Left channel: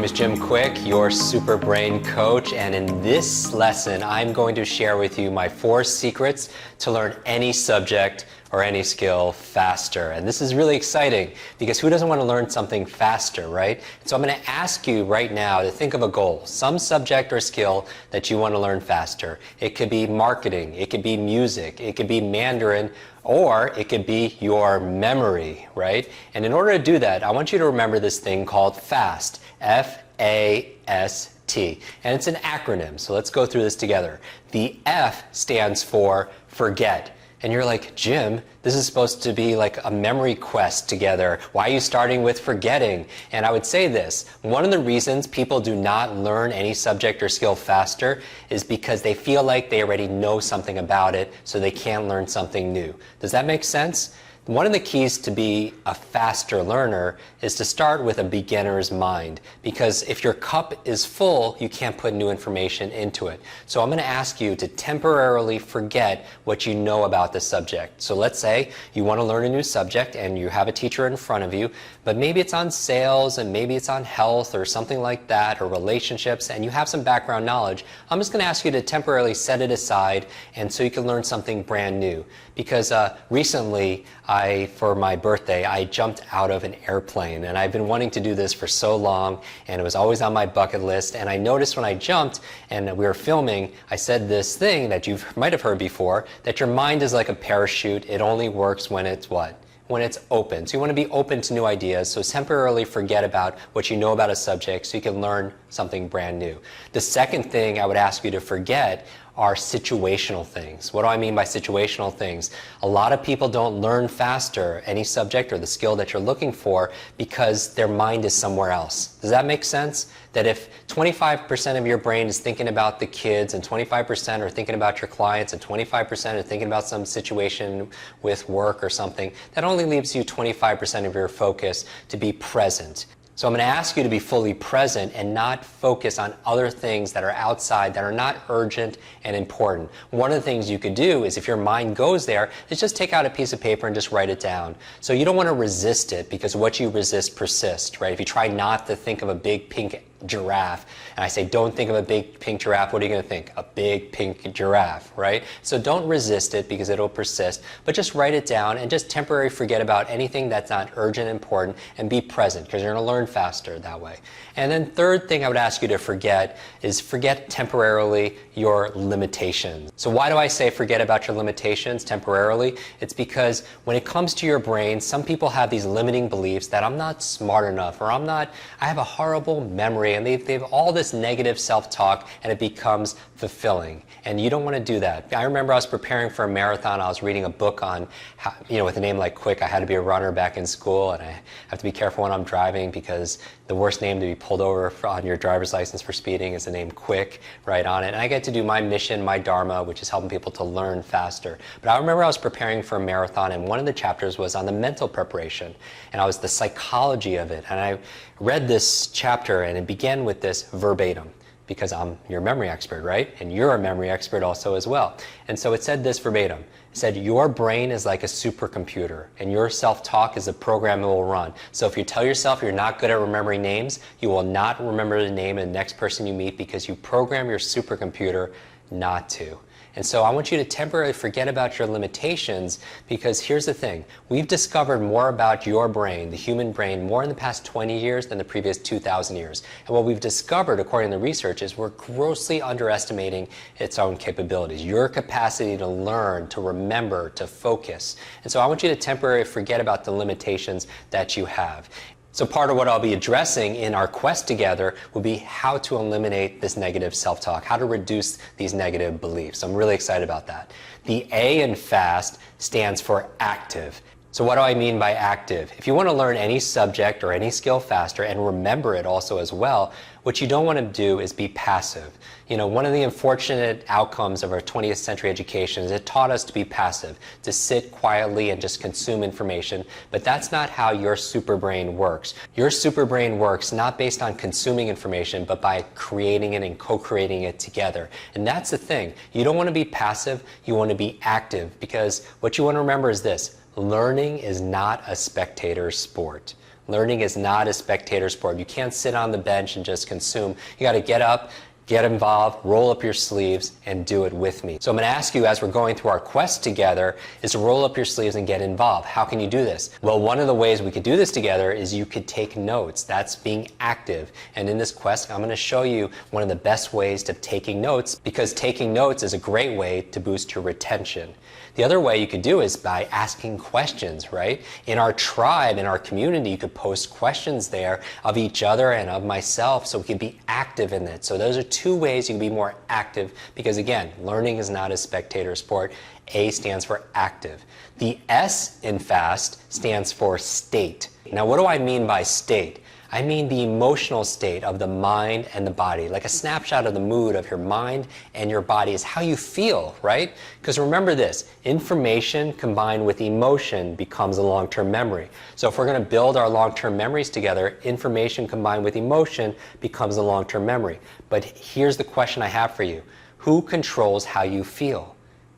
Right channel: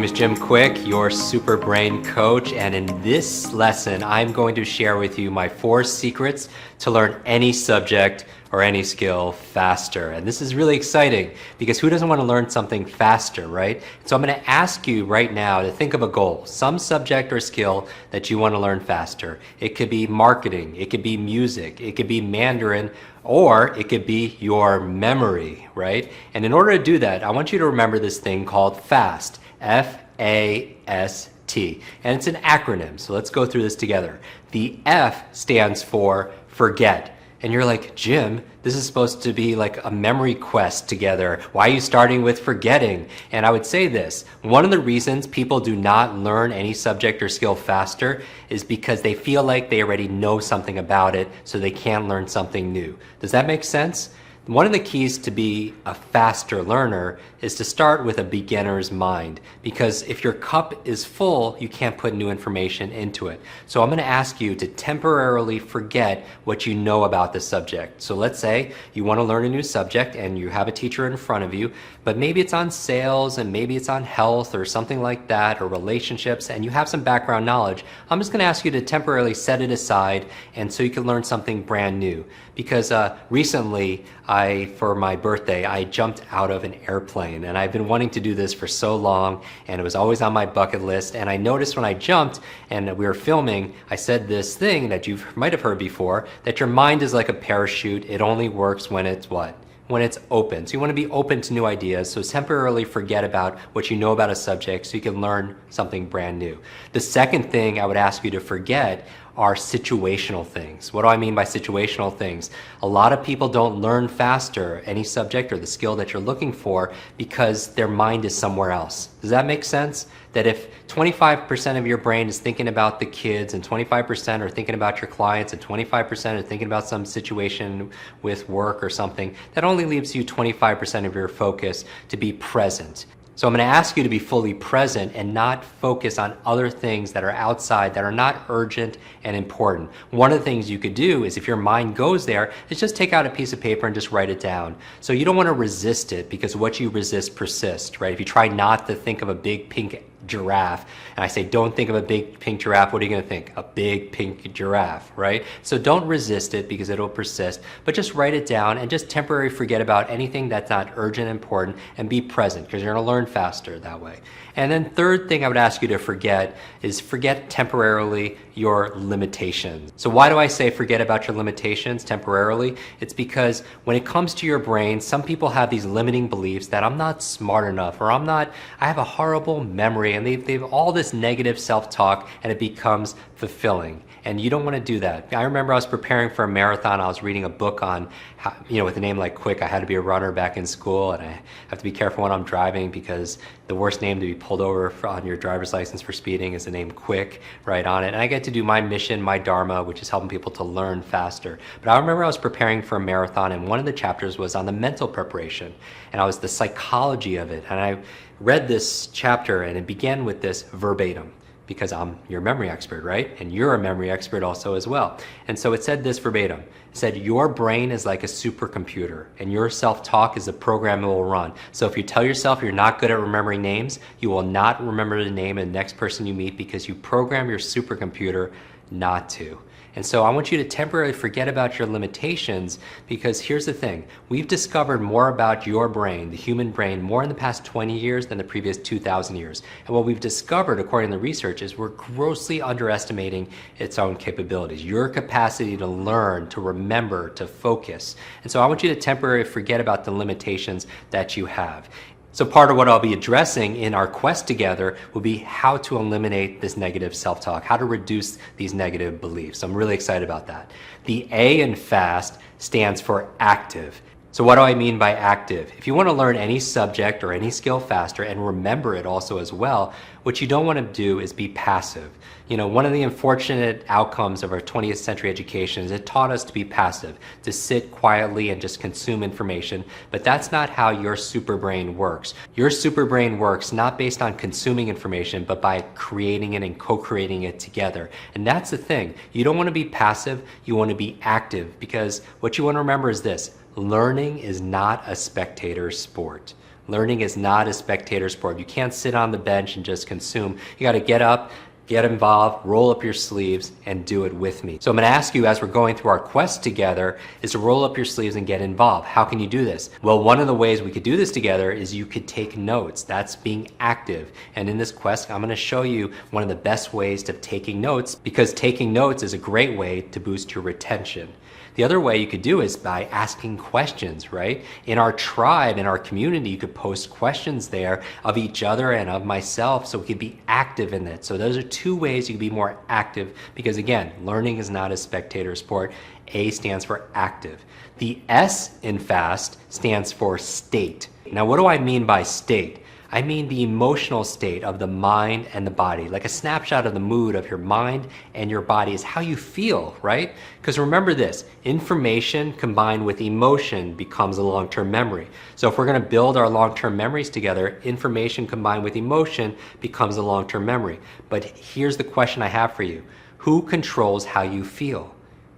name is Jim Quick, your super brain coach, and in this lesson, I'm going to share with you my 4 secrets to learn any subject or any skill faster. And this is really exciting because who doesn't want to learn something faster, right? So I'm going to ask you right now to think of a goal, some subject or skill that you want to learn faster. It could be marketing, it could be music, it could be Mandarin, or it could be your memory, right? And in order to do that, I want you to remember this thing called FAST, F-A-S-T. And it's an acronym, so let's go through this together. The F stands for forget. And you're like, Jim, this is supposed to be like a memory quest together. Why are you starting with forgetting? And I would say this, one of the reasons people do not learn any subject or skill faster is because they feel like they already know something about it, so they can't learn something new. Does that make sense? One of the keys to be a faster learner is to start with a beginner's mind, because if your cup is full, you can't put new information into it. So I'm going to ask you to temporarily forget what you know about the subject. So let's say you want to learn a new subject and you have a teacher in front of you, but maybe it's on sales and maybe it's on health or something like that, or relationships, and you have some background knowledge. I'm just going to ask you to temporarily set it aside and so you can learn something brand new. Because recently, for my birthday, I jumped out of an airplane, and I've been wanting to do this for so long, and it was always on my bucket list. And I noticed when I jumped and we were filming, I said this thing that you might have heard before, that your mind is like a parachute. It only works when it's what? When it's open. So you want to be open to new ideas. So temporarily forget about what you know about a subject so you can learn something brand new. The second thing I would ask you to forget are situational things. What do I mean by situational things? A lot of people don't learn faster any subject or the skill that you're looking for because their mind is somewhere else. Does that make sense? That if 25% of your brain is thinking about the kids and 25% are thinking about your clients and 25% are thinking about some situation with work or something, that only leaves you 25% of your focus to be present. So I'm going to ask you to be fully present and not focus on other things that are outside, that are not urgent and important. One of the things you could do is, if your mind goes there, is just take out a piece of paper and just write it down. So you don't want to resist it, because what you resist persists, right? If you try not to think of a big pink giraffe, and I say don't think of a big pink giraffe, what are you going to think? A big pink giraffe, right? So don't resist it because it'll persist, but just write it down and just temporarily forget about anything that's not urgent and important, and be present, because you're going to learn faster that way. And then third thing I would ask you to forget is forget temporarily your limitations. So why do I say forget about your limitations temporarily? It's because when it comes to your brain, some people have these limiting beliefs that I'm not smart enough, or I have a horrible memory, and they have all this negative self-talk, and it becomes fulfilling. And you don't want to do that. I remember I was preparing for a marathon. I was reading a book on, with a name like Quick. I had to be a runner back in school, and I have to be careful when I'm driving, because the worst name to be pulled over on your driver's license for speeding is the name Quick right on it. And I get to do my mission, my dharma, which is helping people to learn faster. But I remember I was preparing for a marathon, and one of the chapters was on the mental preparation, and I was the psychology of it. And I read this chapter, and it began with this verbatim, because I'm your memory expert, right? And you're a memory expert also as well. And so it said this verbatim. It said, your brain is like a supercomputer, and your self-talk is a program it will run. So if you tell yourself you're not good at remembering names, you will not remember the name of the next person you meet, because you program your supercomputer not to. And so I want you to temporarily forget about your limitations, because here's the thing. We've discovered more about your brain, the human brain, more in the past 20 years than the previous 2,000 years. And what we've discovered, according to research, is we're grossly underestimating its own capabilities, your capacity to learn, to remember, to focus. And so I want you to temporarily forget about the limitations that you have. So part of what I'll be addressing in our quest together will be how to eliminate this negative self-talk, how to reduce these negative beliefs. I'm really excited about that. The A in FAST stands for active. So what do I mean by active? If you want to learn any subject or any skill faster and remember it also as well, what you don't want to do is be passive. One of the unfortunate outcomes of our 20th century education is it taught us to be passive, to sit quietly and just consume information, but that's not how your super brain works. Your super brain works not based on consuming information, but by creating it and co-creating it together. And that's the thing. You don't want to be passive, you want to be active, because what you want to remember is this: learning is not a spectator sport. Learning is not a spectator sport. You can't sit on the bench and just consume. You got to get up, get involved, roll up your sleeves, and do it with me. So I'm going to ask you, as we're going through our quest together, is to roll up your sleeves and get involved. How can you do this? Well, one of the ways we could do this together is you could take notes. That's being active. And in this quest, I'm going to show you one of the best ways to taking notes, because taking notes is a great way to boost your retention. The other way you could do is by asking questions, right? In our tribe, in our community, you could post questions there of each other and of myself, so we can be active in it. So those are two ways you can be more active, because again, learning is not a spectator sport. A stands for active. The S in FAST stands for state. Now, what do I mean by state? I mean the emotional state of the mind and the body. Like a snapshot of the mood of your mind and your body is how you feel, right? Because remember this, information combined with emotion becomes a long-term memory. So if we're going to build our long-term memories together, information combined with emotion becomes a long-term memory. But here's the question I have for you. Who controls how you feel?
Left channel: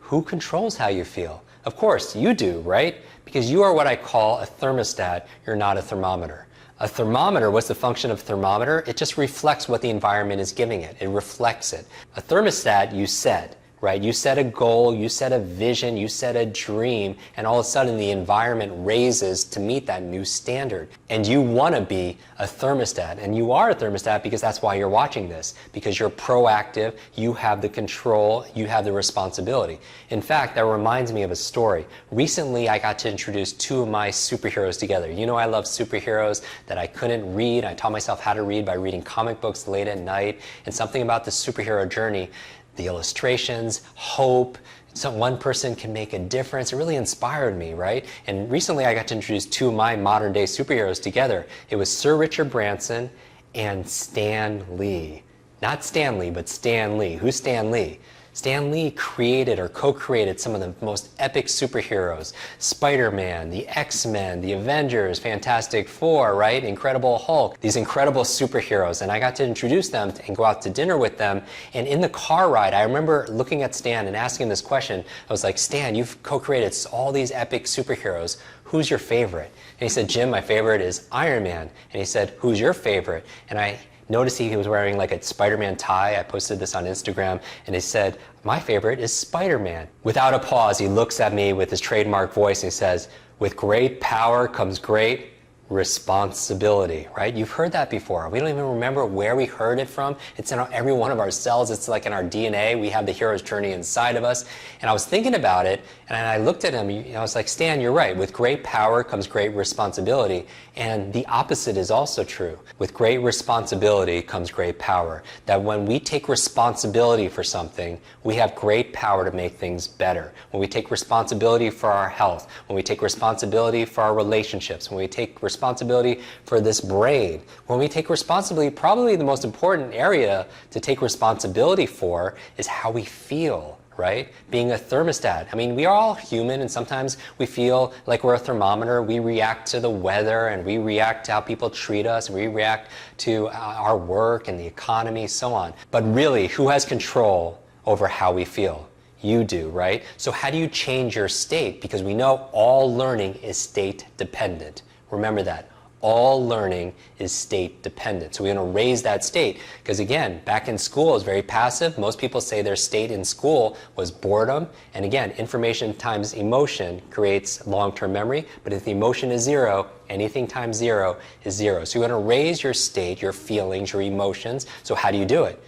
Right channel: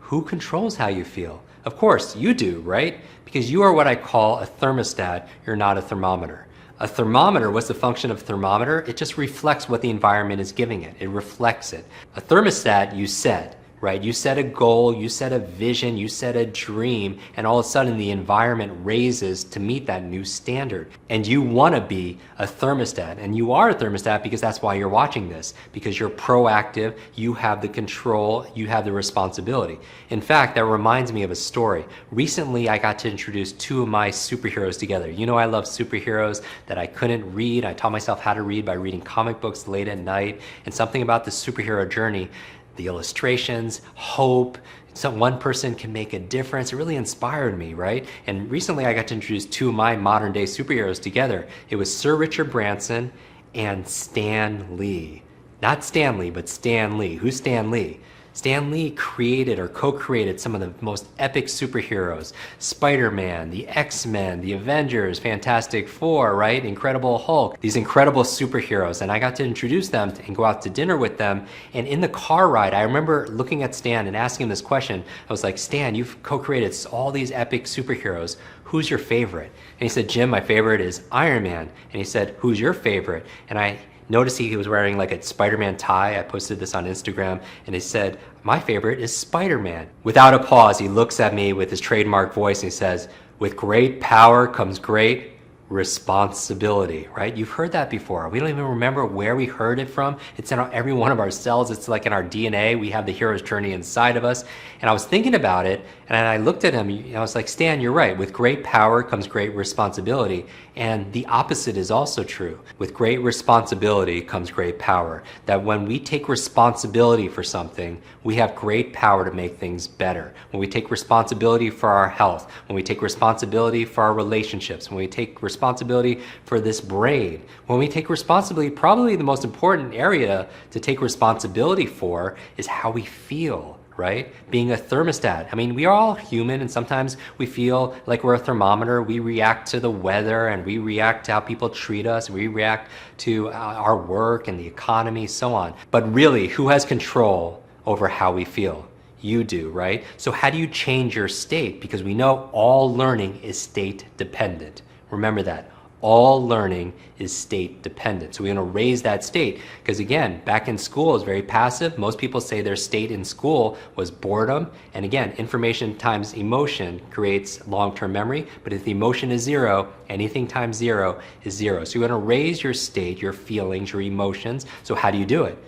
Who controls how you feel? Of course, you do, right? Because you are what I call a thermostat. You're not a thermometer. A thermometer, what's the function of a thermometer? It just reflects what the environment is giving it. It reflects it. A thermostat, you set, right? You set a goal, you set a vision, you set a dream, and all of a sudden the environment raises to meet that new standard. And you want to be a thermostat, and you are a thermostat because that's why you're watching this, because you're proactive, you have the control, you have the responsibility. In fact, that reminds me of a story. Recently, I got to introduce two of my superheroes together. You know I love superheroes that I couldn't read. I taught myself how to read by reading comic books late at night, and something about the superhero journey, the illustrations, hope, so one person can make a difference. It really inspired me, right? And recently I got to introduce two of my modern day superheroes together. It was Sir Richard Branson and Stan Lee. Not Stanley, but Stan Lee. Who's Stan Lee? Stan Lee created or co-created some of the most epic superheroes. Spider-Man, the X-Men, the Avengers, Fantastic Four, right? Incredible Hulk. These incredible superheroes. And I got to introduce them and go out to dinner with them. And in the car ride, I remember looking at Stan and asking him this question. I was like, Stan, you've co-created all these epic superheroes. Who's your favorite? And he said, Jim, my favorite is Iron Man. And he said, who's your favorite? And I noticed he was wearing like a Spider-Man tie. I posted this on Instagram, and he said, my favorite is Spider-Man. Without a pause, he looks at me with his trademark voice and he says, with great power comes great responsibility, right? You've heard that before. We don't even remember where we heard it from. It's in every one of our cells. It's like in our DNA. We have the hero's journey inside of us. And I was thinking about it, and I looked at him, and I was like, Stan, you're right. With great power comes great responsibility. And the opposite is also true. With great responsibility comes great power. That when we take responsibility for something, we have great power to make things better. When we take responsibility for our health, when we take responsibility for our relationships, when we take responsibility for this brain, when we take responsibility, probably the most important area to take responsibility for is how we feel, right? Being a thermostat. I mean, we are all human, and sometimes we feel like we're a thermometer. We react to the weather, and we react to how people treat us. We react to our work and the economy, so on. But really, who has control over how we feel? You do, right? So how do you change your state? Because we know all learning is state dependent. Remember that. All learning is state dependent. So we're going to raise that state, because again, back in school is very passive. Most people say their state in school was boredom. And again, information times emotion creates long-term memory. But if the emotion is zero, anything times zero is zero. So you're going to raise your state, your feelings, your emotions. So how do you do it?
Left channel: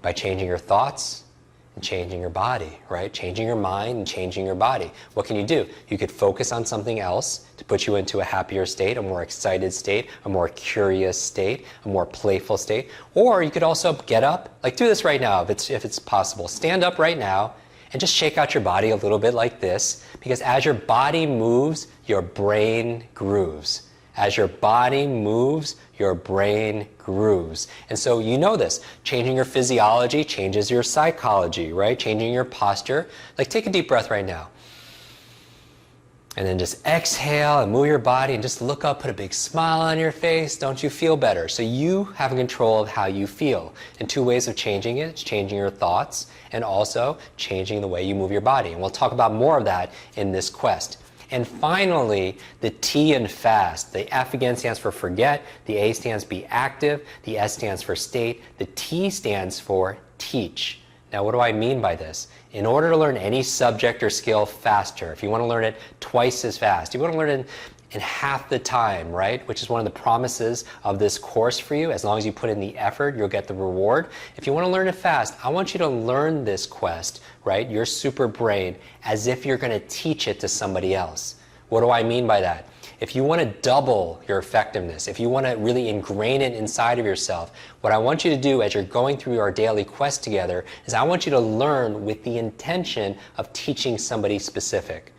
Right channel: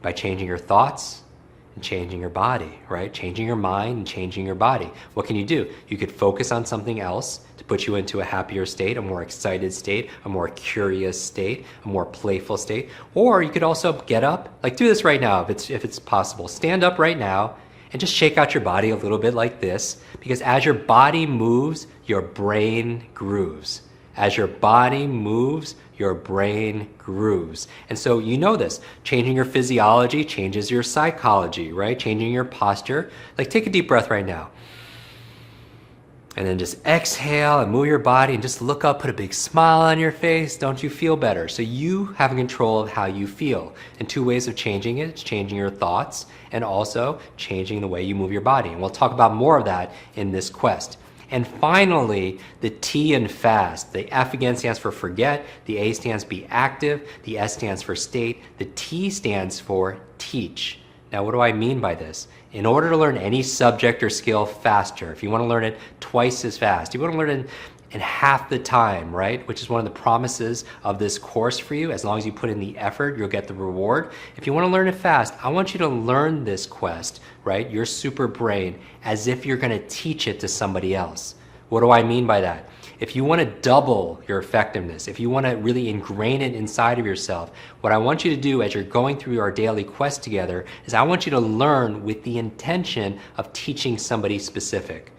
By changing your thoughts and changing your body, right? Changing your mind and changing your body. What can you do? You could focus on something else to put you into a happier state, a more excited state, a more curious state, a more playful state. Or you could also get up, like do this right now if it's possible. Stand up right now and just shake out your body a little bit like this, because as your body moves, your brain grooves. As your body moves, your brain grooves. And so you know this. Changing your physiology changes your psychology, right? Changing your posture. Like take a deep breath right now. And then just exhale and move your body and just look up, put a big smile on your face. Don't you feel better? So you have control of how you feel. And two ways of changing it. It's changing your thoughts and also changing the way you move your body. And we'll talk about more of that in this quest. And finally, the T in fast. The F again stands for forget, the A stands be active, the S stands for state, the T stands for teach. Now, what do I mean by this? In order to learn any subject or skill faster, if you want to learn it twice as fast, you want to learn it in half the time, right? Which is one of the promises of this course for you. As long as you put in the effort, you'll get the reward. If you want to learn it fast, I want you to learn this quest, right? Your super brain, as if you're going to teach it to somebody else. What do I mean by that? If you want to double your effectiveness, if you want to really ingrain it inside of yourself, what I want you to do as you're going through our daily quest together is I want you to learn with the intention of teaching somebody specific.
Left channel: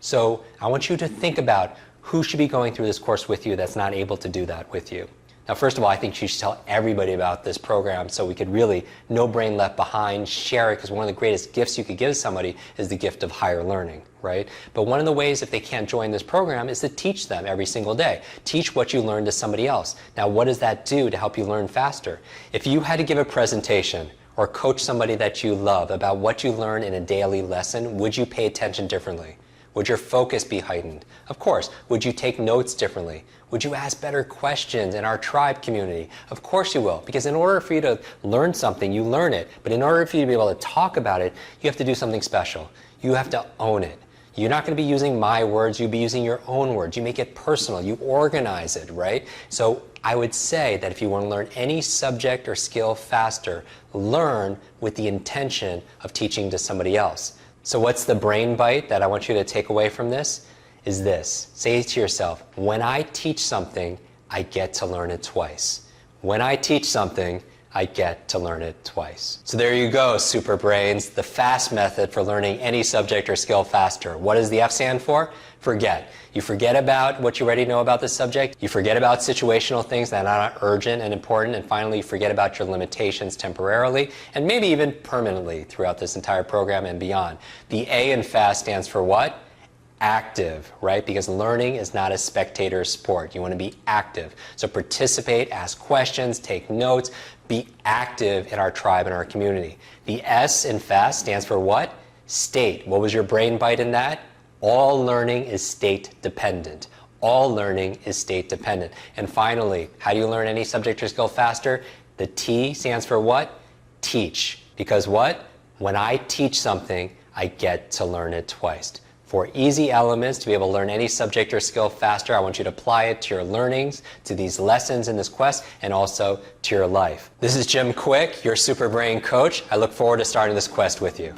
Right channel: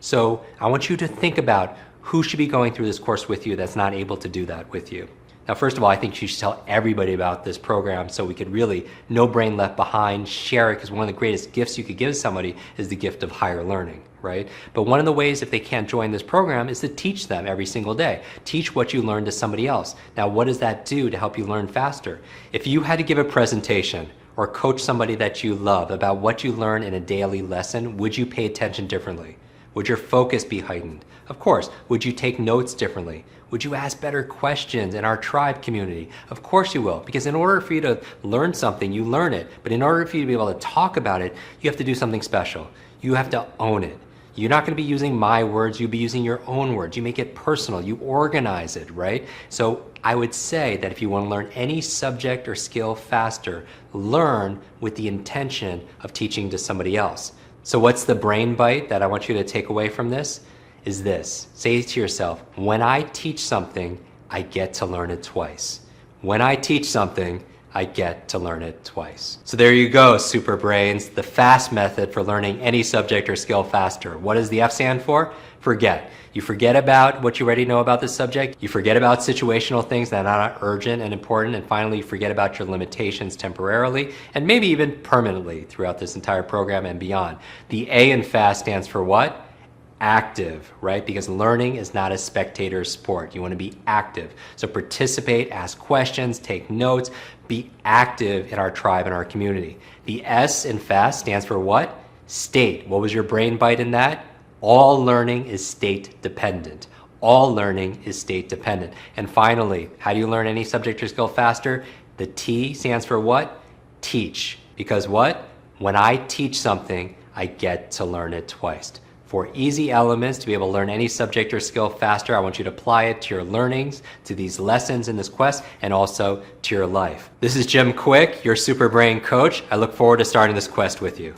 So I want you to think about who should be going through this course with you that's not able to do that with you. Now, first of all, I think you should tell everybody about this program so we could really, no brain left behind, share it, because one of the greatest gifts you could give somebody is the gift of higher learning, right? But one of the ways if they can't join this program is to teach them every single day. Teach what you learned to somebody else. Now, what does that do to help you learn faster? If you had to give a presentation or coach somebody that you love about what you learn in a daily lesson, would you pay attention differently? Would your focus be heightened? Of course. Would you take notes differently? Would you ask better questions in our tribe community? Of course you will, because in order for you to learn something, you learn it. But in order for you to be able to talk about it, you have to do something special. You have to own it. You're not going to be using my words, you'll be using your own words. You make it personal, you organize it, right? So I would say that if you want to learn any subject or skill faster, learn with the intention of teaching to somebody else. So what's the brain bite that I want you to take away from this? Is this. Say to yourself, when I teach something, I get to learn it twice. When I teach something, I get to learn it twice. So there you go, super brains, the FAST method for learning any subject or skill faster. What does the F stand for? Forget. You forget about what you already know about the subject. You forget about situational things that are not urgent and important. And finally, you forget about your limitations temporarily and maybe even permanently throughout this entire program and beyond. The A in FAST stands for what? Active, right? Because learning is not a spectator sport. You want to be active. So participate, ask questions, take notes, be active in our tribe and our community. The S in FAST stands for what? State. What was your brain bite in that? All learning is state dependent. All learning is state dependent. And finally, how do you learn any subject or skill faster? The T stands for what? Teach. Because what? When I teach something, I get to learn it twice. For easy elements to be able to learn any subject or skill faster, I want you to apply it to your learnings, to these lessons in this quest, and also to your life. This is Jim Quick, your Super Brain Coach. I look forward to starting this quest with you.